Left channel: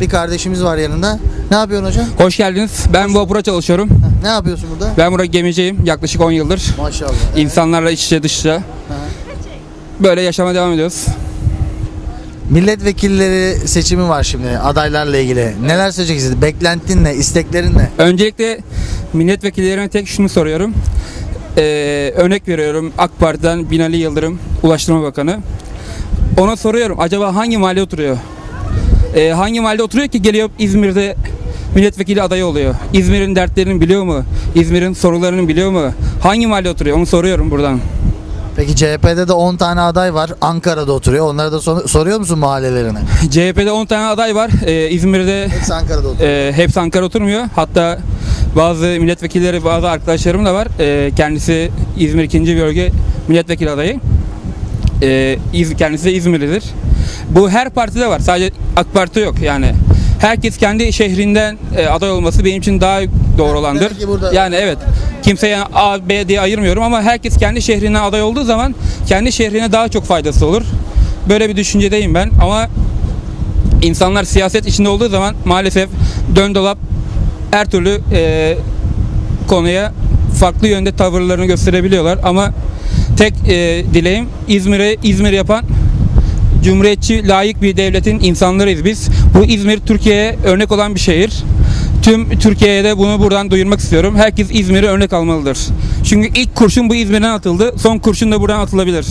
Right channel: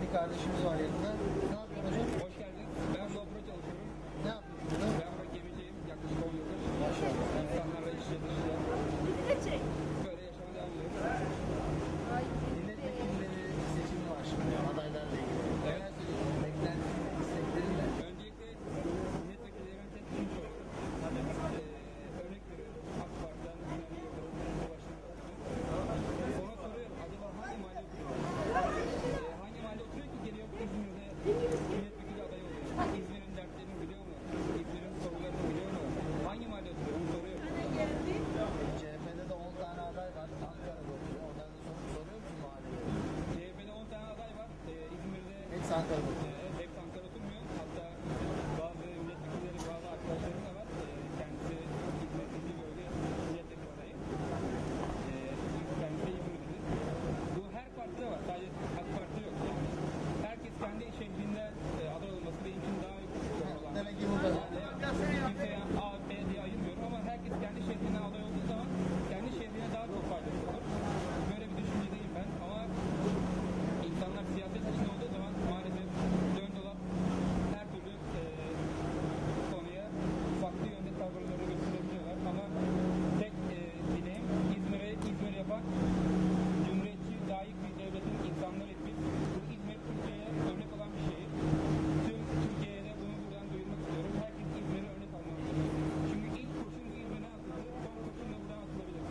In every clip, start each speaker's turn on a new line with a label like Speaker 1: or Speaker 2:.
Speaker 1: Bir kardeşimiz var yanında. Ne yapıyorsun hocam?
Speaker 2: Hoş geldiniz. Ben vapura çalışıyorum.
Speaker 1: Ne yapıyorsun burada?
Speaker 2: Ben burada gemiciyim. Yaklaşık 10 yıldır.
Speaker 1: Maşallah.
Speaker 2: İnsanlarla iç içe dış içe. Böyle yaşama devam ediyoruz.
Speaker 1: Milletvekilleri seçimi var şimdi adaylarla ilgili. Neler söyleyeceksiniz? Beklentin ne? İsteklerin ne?
Speaker 2: Öncelikle milletvekillerine tek şunu soruyorum. Ee, örnek veriyorum AK Parti'den Binali Yıldırım, Ulaştırma Bakanı. Ona soruyorum acaba hangi mahalle oturuyor? Ee, hangi mahallede oturuyor ki geliyor İzmir'de milletvekili adayı oluyor? İzmir'in dertlerini biliyor mu? İzmir'in sorularını biliyor mu? Hangi mahallede oturuyor? Onu soruyorum buradan.
Speaker 1: Peki CHP'de de 10 tane aday var. Ankara'da oturuyor. Onlara da sor- soruyor musun mahallelerini?
Speaker 2: CHP'de 10 tane aday var. Ee, İzmir'de
Speaker 1: Hepsi Ankara'da oturuyor.
Speaker 2: e, hepsi Ankara oturmuyor. Hatta bazı milletvekilleri, bazı arkadaşlarım da var. E, kendisi İzmir 2. Bölge milletvekili adayı. E, İz- kendisi de İzmirlidir. Bu her partide var. Sadece AK Parti yok yani. Herkes kendi şehrinden e, aday olması benim için daha doğru olandır. Yani evet. Kimseye A, B diye ayırmıyorum ama herkes kendi şehrinden aday olduğu zaman kendi şehrine daha çok faydası olur. Böyle bir düşüncedeyim ben ama insanlar siyaset içinde olduğu zaman maalesef dön dolap her türlü e, konuya farklı yönde tavırlarını gösterebiliyorlar ama tek e, dileğim İzmir'e İzmir yapan cumhuriyetçi layık bir devletin insanlarıyız biz. Bu İzmir Türkiye'ye örnek olan bir şehir. Tüm Türkiye'ye de bunu buradan duyurmak istiyorum. Herkes İzmir'i örnek almalıdır. Çünkü ilk kurşun bu İzmir'den atıldı. Son kurşun da buradan atılabilir.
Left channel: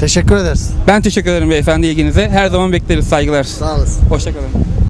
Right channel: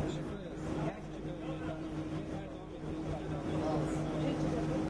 Speaker 1: Teşekkür ederiz.
Speaker 2: Ben teşekkür ederim beyefendi ilginize. Her zaman bekleriz. Saygılar.
Speaker 1: Sağ olasın.
Speaker 2: Hoşçakalın.